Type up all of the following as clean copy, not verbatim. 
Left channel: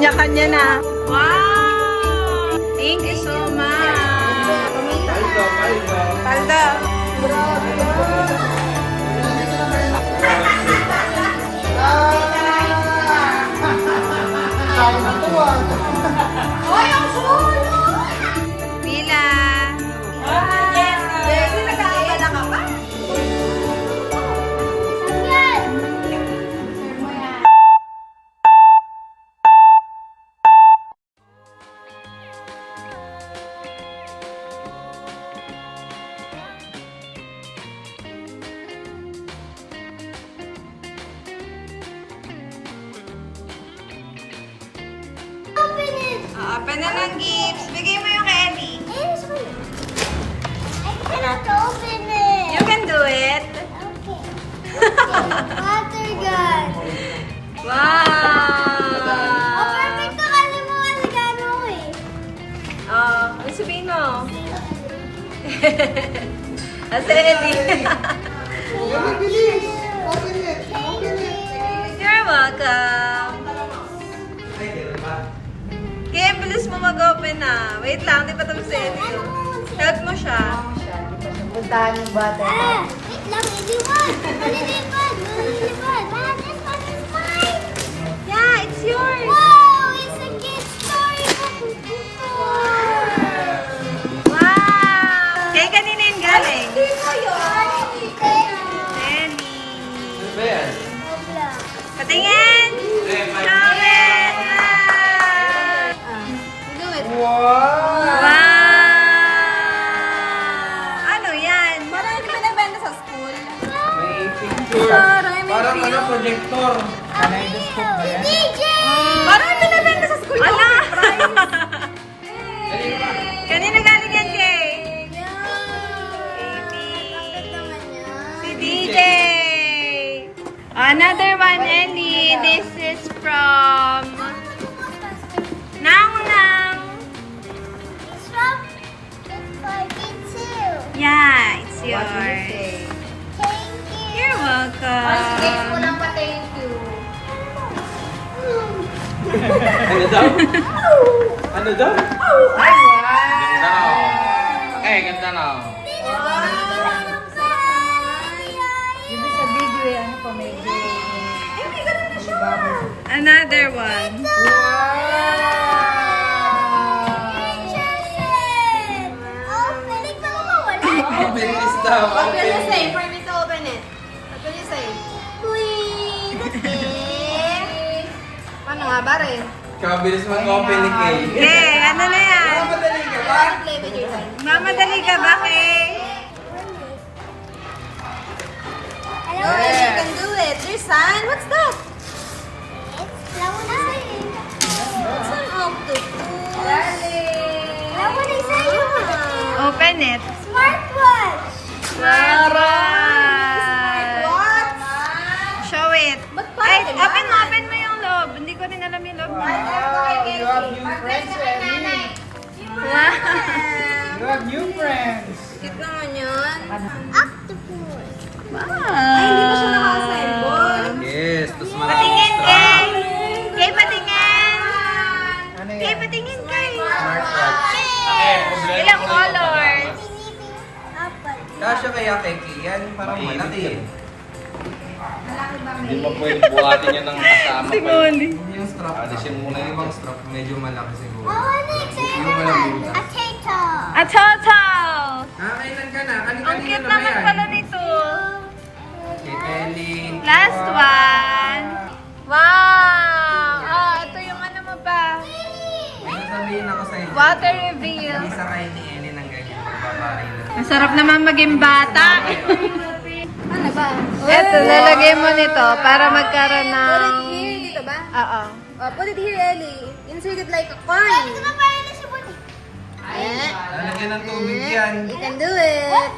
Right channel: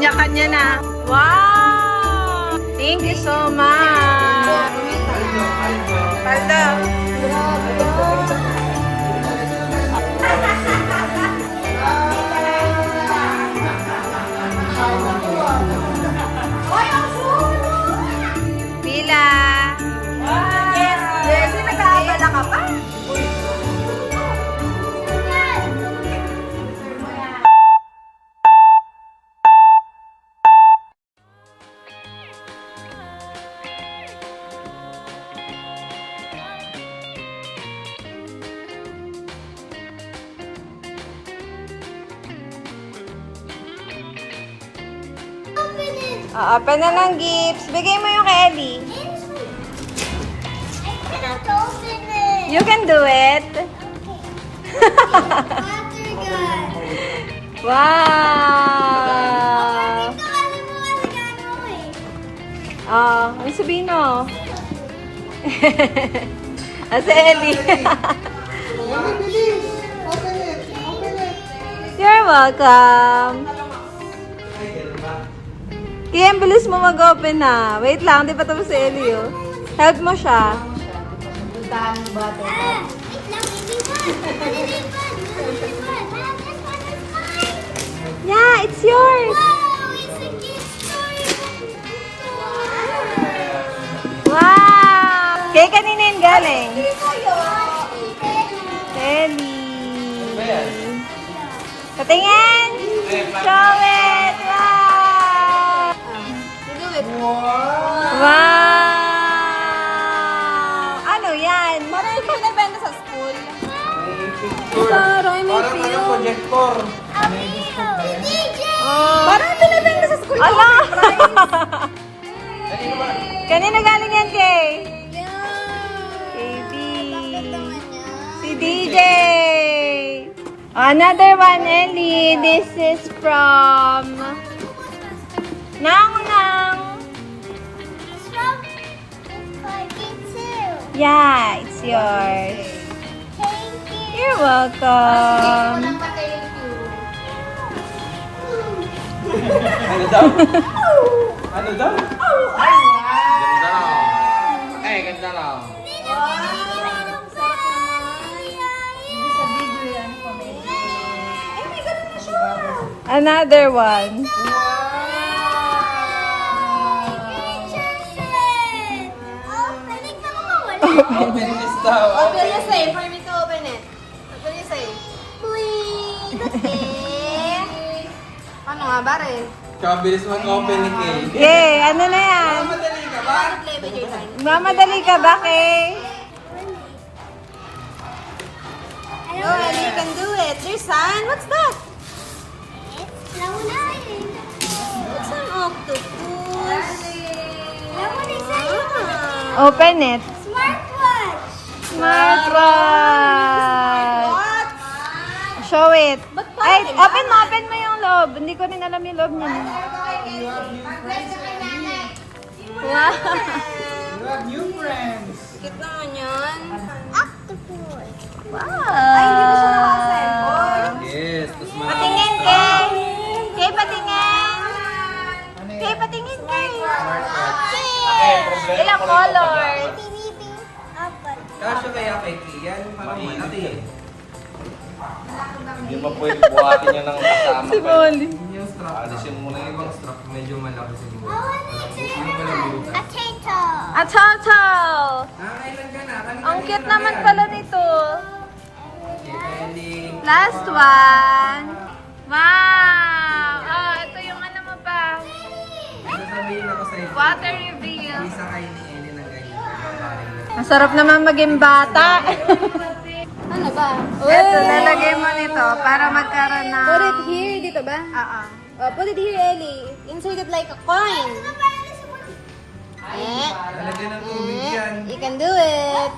Kanya-kanya na. Wow! Thank you so much. Paldo. Pila. Yes, yes. Nag-aabala ka pa? Open na ng gifts. Bigay mo yung kay Ellie. I cannot open it. You can do it. Okay. Water gun. Wow! Oh, perfect kasi mo kasi gano'n mo eh. Ano sabihin mo? Asa Ellie? You're welcome. Kian, bilis mo mag-open na. Wait lang, di pa tapos si Ellie. Oh. Help mo siya. Wait lang, maybe one. Maybe one. This one is mine. Yeah, it's yours. Wow, it's a gift story. Wow! Kay kanina yung galing. Ellie. Patingin! Show it! Wow! Ano yan? Marami ko binibenta sa school. Parang projector. DJ! Parang binibenta sa school. Ala! Kanina galing yan, Kay? Si DJ! Another one, Ellie. This is from Nang Nang. Yeah, it's yours. Thank you. You're welcome. Ano daw? Ano daw? Ganda na. Okay, ganda na. Another one. Open this daw. Open the safe for me to open it. Open the safe. Paano nga ba rin? Kabilis mag-open ni Kay. Hey, ano na yan? Madali ka ba? Play with your time. Mamadali ka ba, Kay? I don't You want can do it. There's sign. What's that? It's launahin. It's an octopus. What is that? Open it. Smartwatch. Smartwatch. Show it. Ba't Ay, parang open mo yung loob. Hindi ko rin alam yung loob niya. Wow. You have new friends. Cute naman yun. Octopus. Wow. Ay, hindi pa siya naka-assemble. Yes, tapos maraming Patingin, straw. Kay. Kay, patingin. Ano Kay, patingin, Kay. Smartwatch. Ilang colors? Apple. Kasya kaya kay Kay yan, parang malaki eh. Hindi pa pwede buhatin yan ng kasama. Si Molly. Hindi yung strap. Alisin mo na ibang strap, medyo malaki siguro. I want it to Yung malamutan. a turtle. A turtle. Kailan ka na? Ang cute naman pala nito. Kay Ellie. Last one. Wow. Ito yung ano mo pa. Ano sabihin ako sa'yo? Water reveal. Isa kayo ni Ellie ng ganyan. Magbabahay na. Masarap naman maging bata. Ano ba? Ito, lalagay mo nito para magkaroon ng... Put it here. Dito ba? Oo. Oh, put it here, Ellie. Insert it like a coin. Eh. Lalagyan ng tubig yan. You can do it.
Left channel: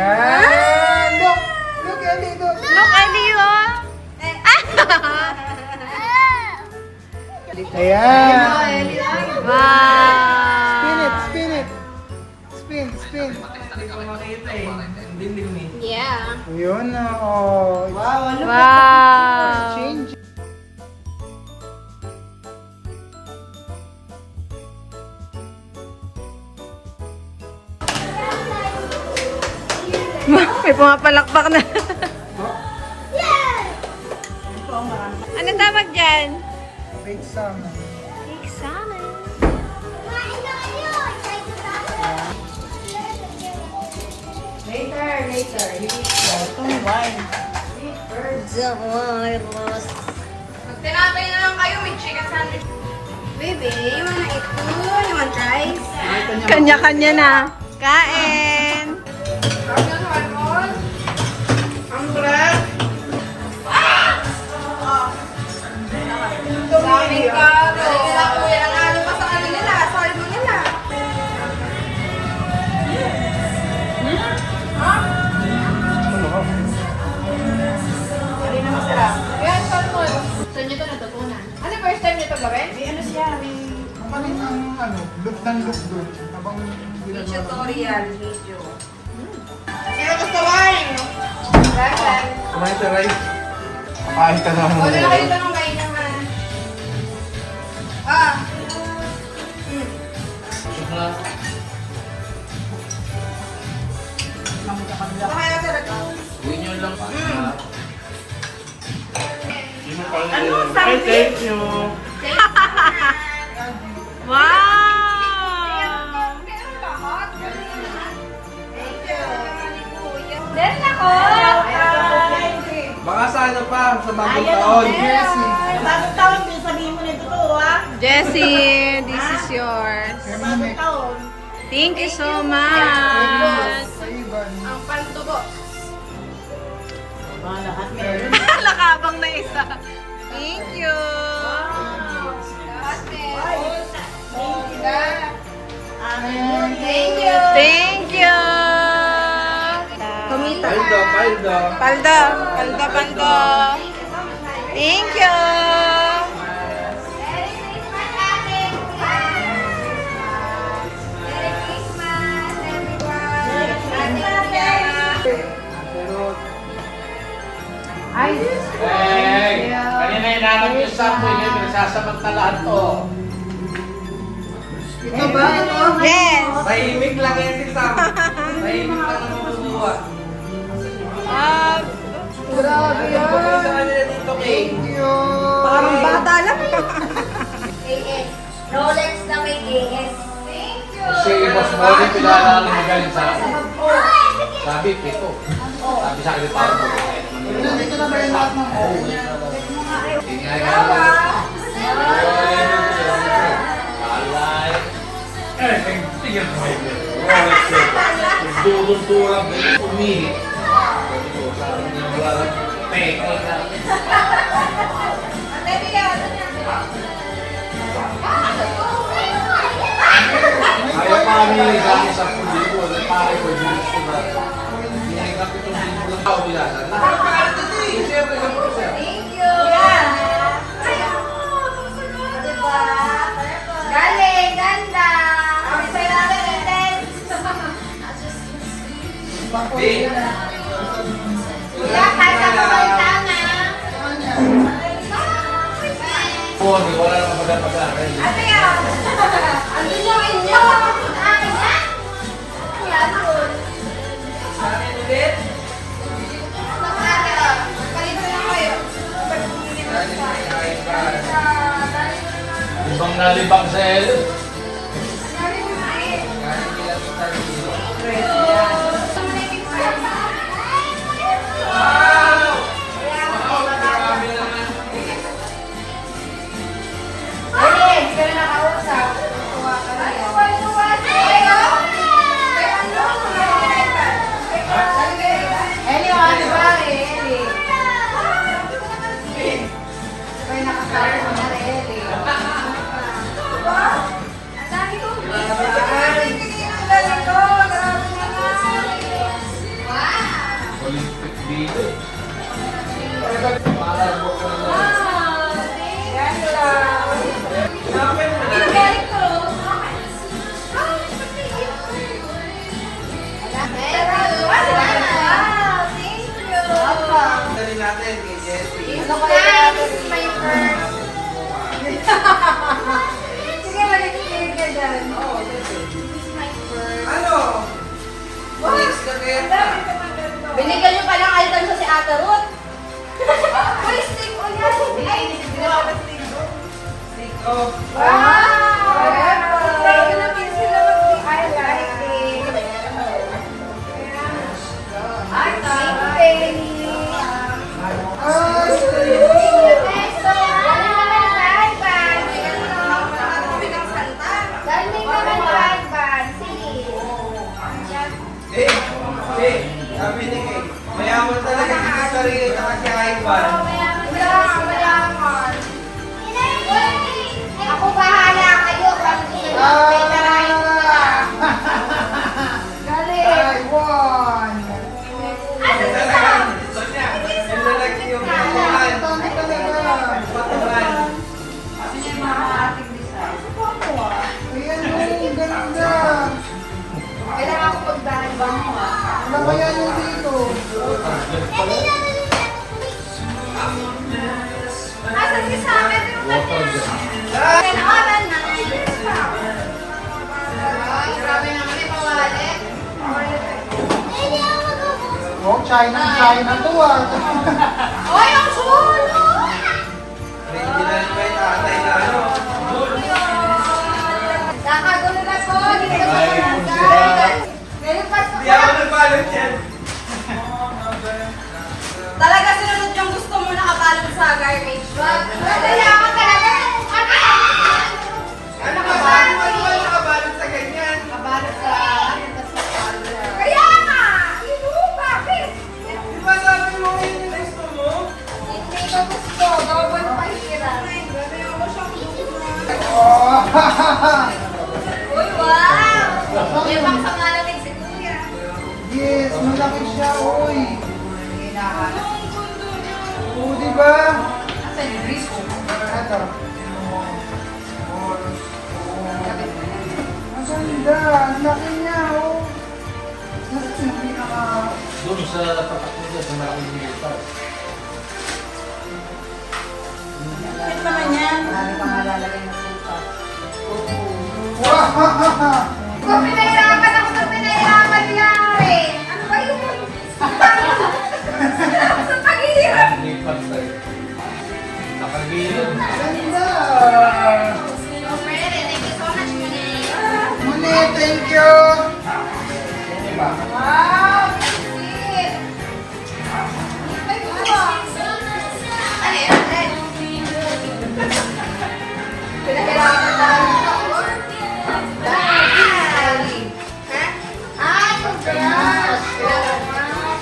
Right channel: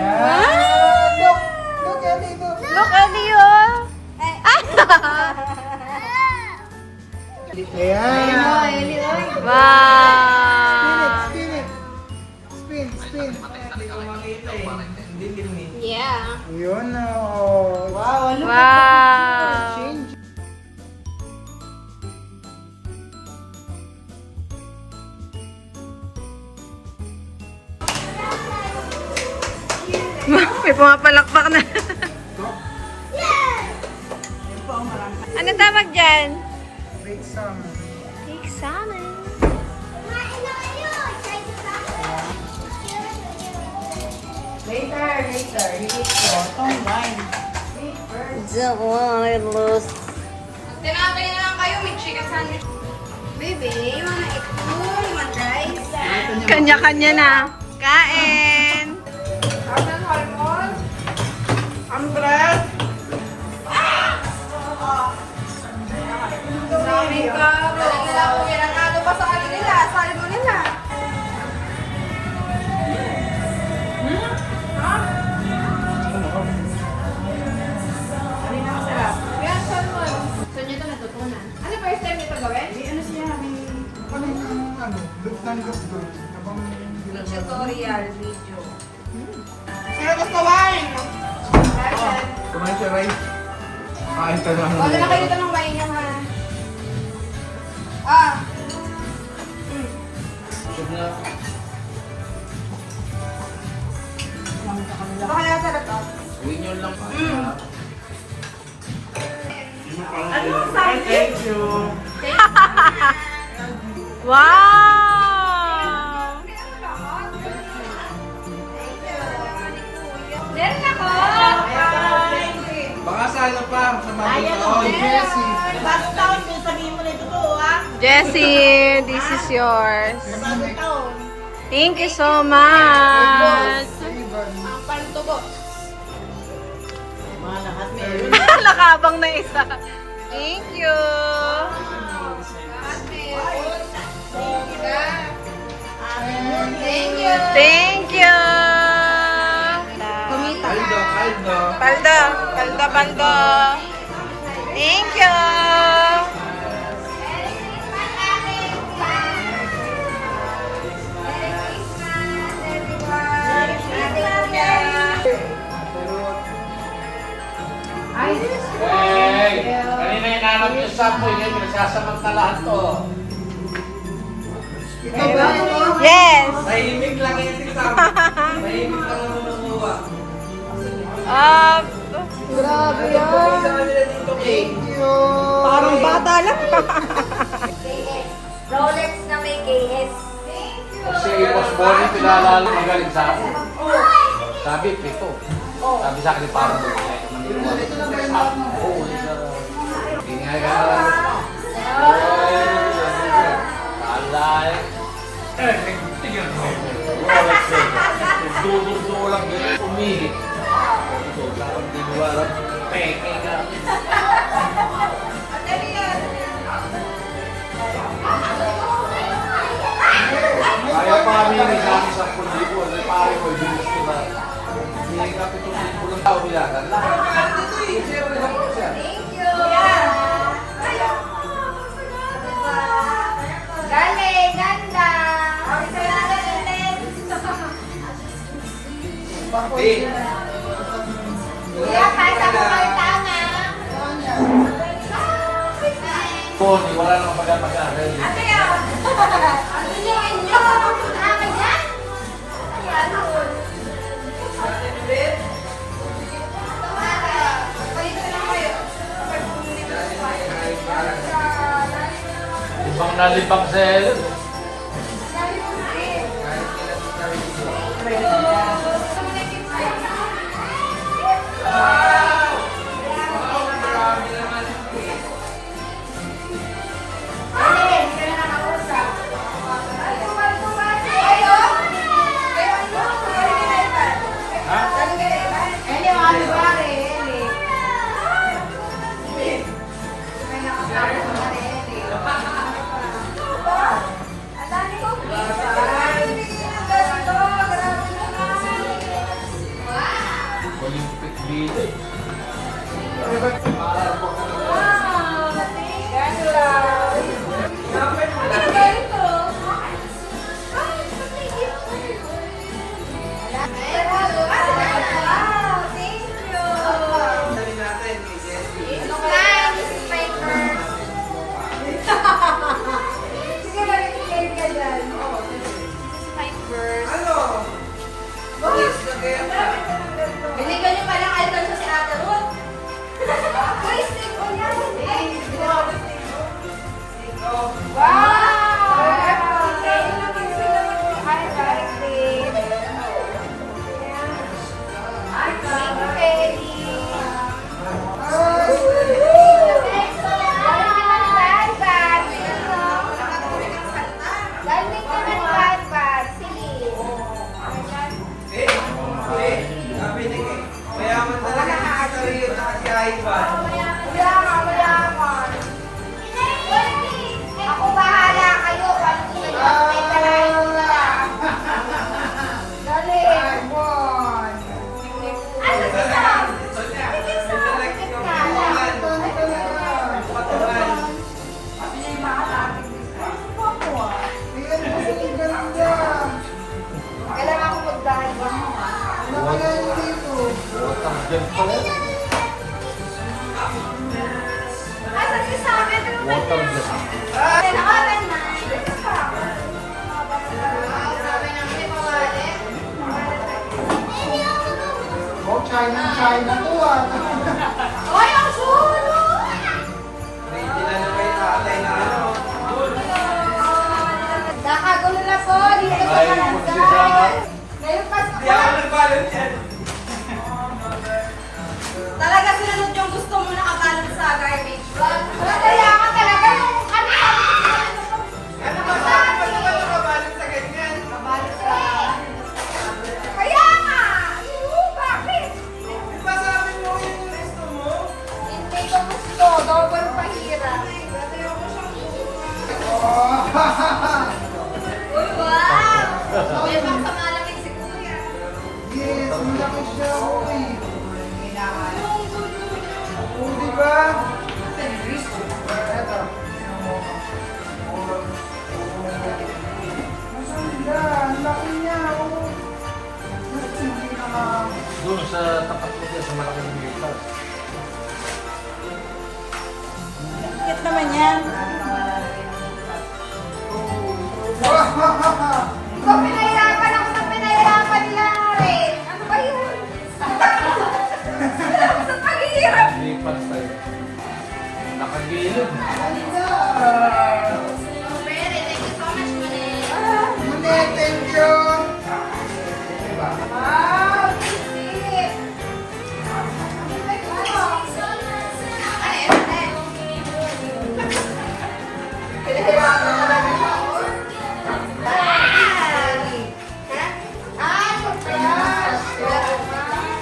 Yan! Look! Look, Ellie! Look! Look, Ellie, oh. Ayan! Wow. Spin it! Spin! Spin! Hindi ko makita eh. Hindi din eh. Yeah. Yun na. Oh. Wow! Wow. Change. May pumapalakpak na. Anong tawag dyan? Big salmon. Big salmon. Kumain na kayo. Excited ako. Tinapay na lang kayo, may chicken sandwich. Baby, you wanna eat food? You want rice? Kanya-kanya na. Kain. Sabi ka, balik nila po yan ang ano pa sa ano nila, salmo nila. Kaya salmo. Saan nyo ito natutunan? Ano first time nyo ito gawin? Ano siya? Kapanin ng look ng look good. Habang ginagawa. Tutorial video. Sino gusto wine? Perfect. Kumain siya, Ray. Kain ka na. Wala na kayo tanong wine niya ha. Ah. Baka kaya sarap. Yun lang pa. Ay, thank you. Wow! Meron ako! Baka sa ano pa, sa bagong taon. Jessie, this is yours. Thank you so much. Ang pantubo. Nakabang na isa. Thank you. Thank you. Thank you. Paldo, paldo. Paldo, paldo, paldo. Thank you. Hey! Kanina yung nanong yung sapo, yun, nasasamantalaan to. Ito ba? Ito? Yes. Tahimik lang yan si Sam. Tahimik lang ang mamunuwa. Grabe Ano ba kayo sa kanila dito, Kay? Parang bata lang. Rolex na may KS. Kasi yung mas body pinakalang na galing sa akin. Sabi, pito. Sabi sa akin, parang Dudurdulang umihit. Kaya pa kami na ilang sa pulibo, ay pare ko yung gusto na. Hindi ka pitong libo lang tao nila. Siyempre, Thank you. Diba? Galing, ganda. Kasi sa'yo lang yung intense. Bakit? Kuya, kahit ako kayo tama. Tony, wala lang pagkakasara. Ate yan. Ano yung inyo? Amin na? Yan yun. Palito na kayo. Ibang nalibang sa Ellen. Wow! Thank you sila I like it. Thank you, Penny. Sabi ni Kay, mayaman talaga si Sarili at si Ivan. Ako bahala kayo. Kasi yung mga pera Taiwan! Asa si Sam? Sonya, nilalagay yung patuhan. Patuhan. Ayan mo, ang ganda! Kailangan ko magdahal ba mo? Laki yan yung dito. Asa si Sam? Ito yung kanya. Kailangan na. Ay, grabe naman yung pawalit. Oh, China to ah. Ay, ang sulo! Original pa yung tatay na ano. Nakagula ko. Dito sa iPhone siya. Ngayon pa Hindi ako nagbalot yan. talaga sinunod yung gusto mo nakabalot sa garbage bag. Kaya ako talaga. Ano ba sabi mo di ka nakabalot sa ganyan? Kabalot sa... Kaya nga! Bakit? Di ba sabi mo yun yung gusto mo? Hindi ko gusto. Gawin pa hira. Grabe ako siyang Oh, Uy, wow! Yan pang sa malamig si Kuya. yes, malaki siya, oy. Oh, di ba? Asan yung wrist? Ito. Ang ganda, ang laki niya, oh. Mas makita ka. Doon sa tapat ko siya, sa nakakalimutan. Cute naman yan. Wow! Kung pinahirapan ako sa pinahirapan niya rin. Ano ba yun? Sa paghihirap. Lipas tayo. Nakagilid. Ganda! Thank you so much, Mune. Muli, thank you! Wow! Sweet! Ay, ito ba? Ano yan? Pinahirapan pa rin ako.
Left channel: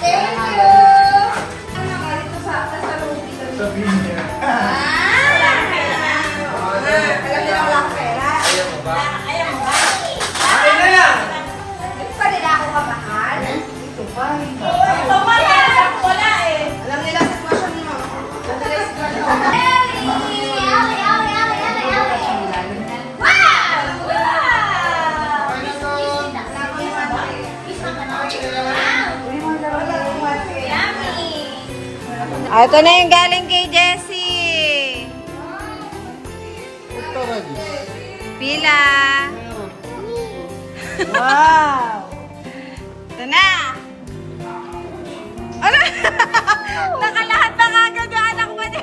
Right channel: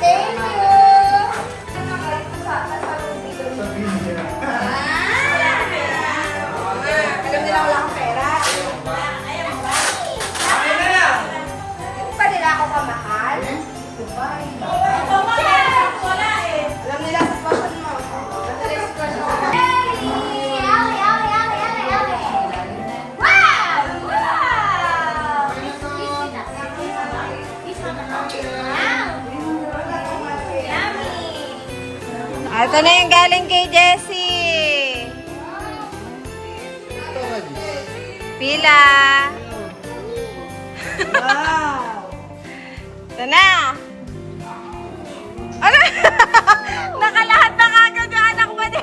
Thank you! Sabihin niya. Alam nila wala akong pera. Ayaw ba? Akin na lang! Hindi pa nila ako kamahal. Alam nila sa fashion mo. Alam nila sa fashion mo. Ito na yung galing kay Jessie. Pila. Wow. Ito na. Ano? Nakalahat na kagad yung anak mo niya.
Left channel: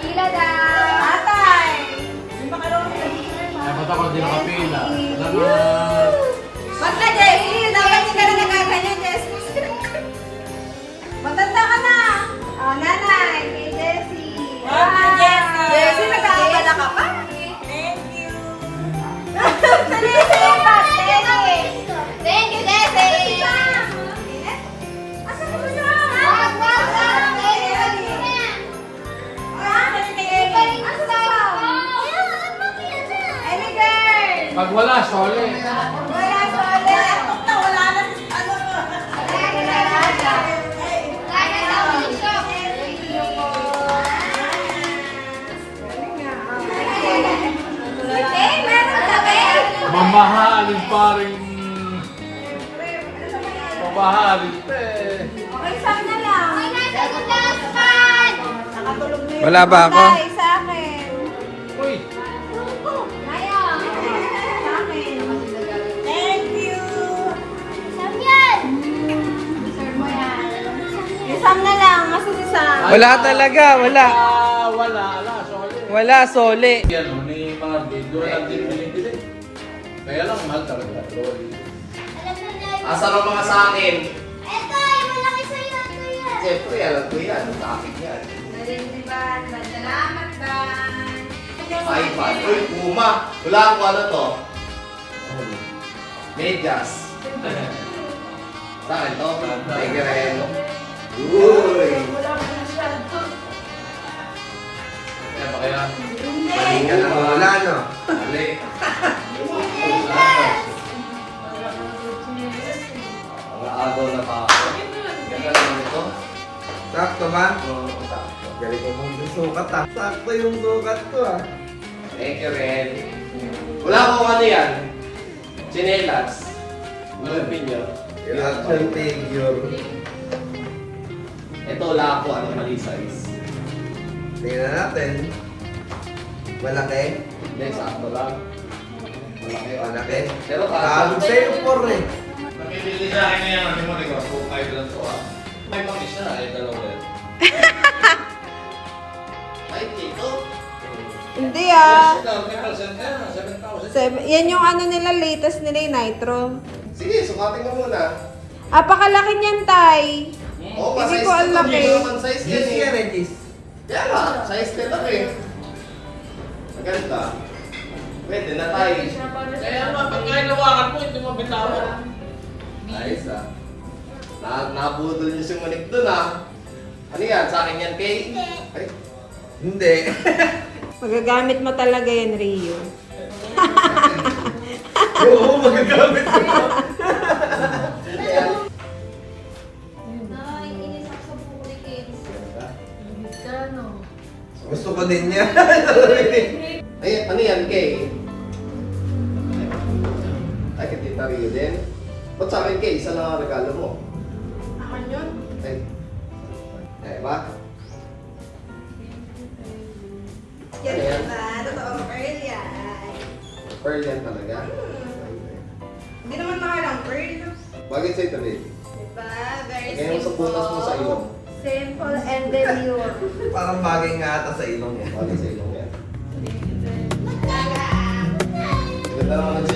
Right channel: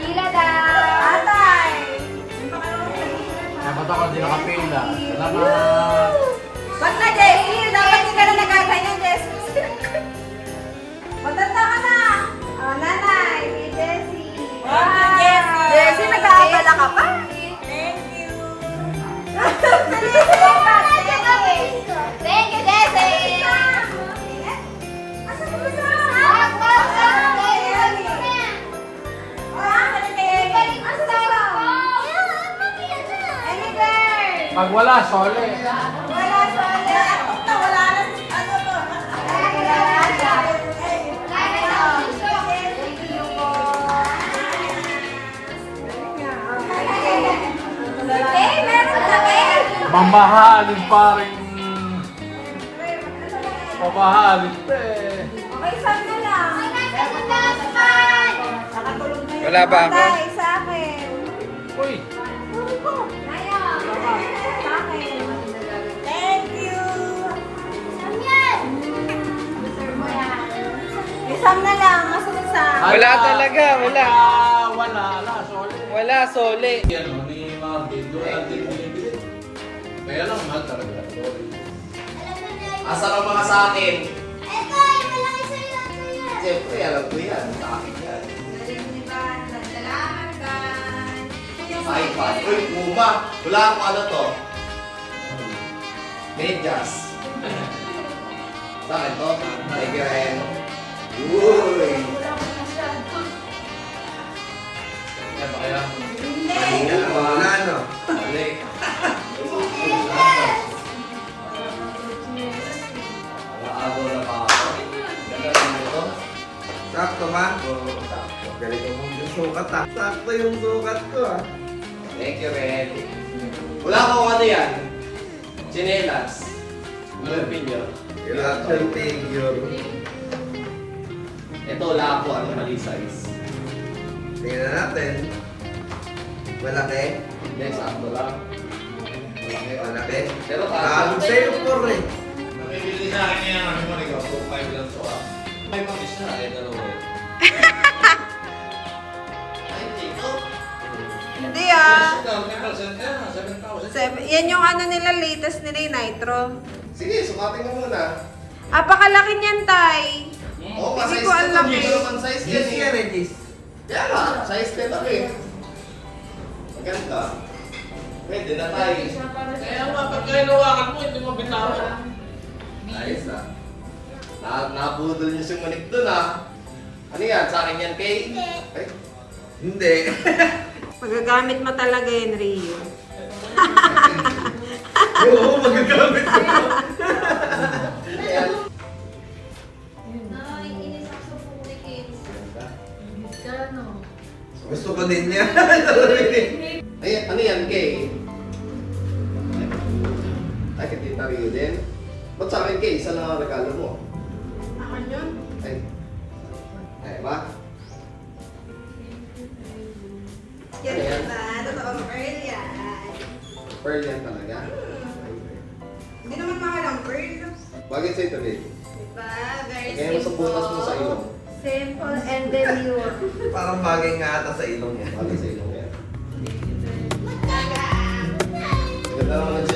Pila daw. Atay. Ay, ba't ako hindi nakapila? Salamat! Ba't na, Jessie? Dapat hindi ka na nagaganyan, Jessie. Matanda ka na. Oh, nanay. Kay Jessie. Thank you, Jessie. Jessie, nag-aabala ka pa? Thank you. Thank you, Jessie! Pag wala, sole. Wala sa ulit. Wala na. Ano to? Hey, meron kami. Mamahalin paring... Mamahalin eh. Okay, saan na lang? Nakatulog na yun. Wala pa ako. Tay, sa akin. Uy! Sa akin. Thank you. Deserve mo yan. Isang na lang. Masa isa? Wala talaga, wala. Wala, sole. Wala. Wala, sole. Yan o, ni Marvin, doon lang din binibili. Kaya lang, mahal talaga. Loli. Asa ka mga sa akin? Eto, ay malaki sa'yo ito yan. Siyempre, alam ko yan. Sa akin yan. Salamat, Dan. iPad. Uy, Puma. Wala akong ano to. Medyas. Sa akin to. Tigren. Uy. Yan ba kaya? Mali ka na wala, no? Mali. Nakaabaw na pa ako. Ganda lang ito. Sakto ba? Oo, sakto. Galing ko mong sukat ah. Sakto yung sukat ko ah. Thank you, Ren. Wala akong ano yan. Chinelas. Ano yung pinyo? Action figure. Ito, wala ako. Ano, mali size. Tingnan natin. Malaki. Hindi, sakto lang. Malaki. Malaki. Pero Talo kasha. sa'yo por eh. Namimili sa akin ngayon, ano mo rin ako, 5 lang to ah. May pang isa, eh, dalawa eh. Ay, Chico. Hindi ah. Yes, 7,000. Yan yung ano nila, latest nila yung Nitro. Sige, sukatin ka muna. Apakalaki niyan, Tay. Oo, Hindi size ko ka alam to. eh. Hindi naman size yan Gis yan eh. eh, Gis. Kaya nga, size ka lang eh. Maganda. Pwede na tayo. Kaya naman, pag nainawakan mo, hindi mo bitawan. Ayos ah. Nabudol niyo sumunik dun ah. Ano yan? Sa akin yan, Kay? Ay, Hindi. Magagamit mo talaga yan, Rio. Oo, magagamit ko. hindi yan. Nay, inis ako sa buko ni Kids. Gusto ko din yan. Ay, ano yan, Kay? Ay, kay Tita Rio din. Ba't sa akin, Kay? Isa lang ang regalo mo. Akin yun. Ay. Ay, ba? Yan Ano yan? ba? Totoong pearl yan. Pearl yan talaga. Hindi naman makalang pearl. Bakit sa'yo ito, babe? Diba? Very Kaya mo sa butas mo sa ilong. Simple and demure. Parang bagay nga ata sa ilong yan. Bakit sa ilong yan? Ganda naman ang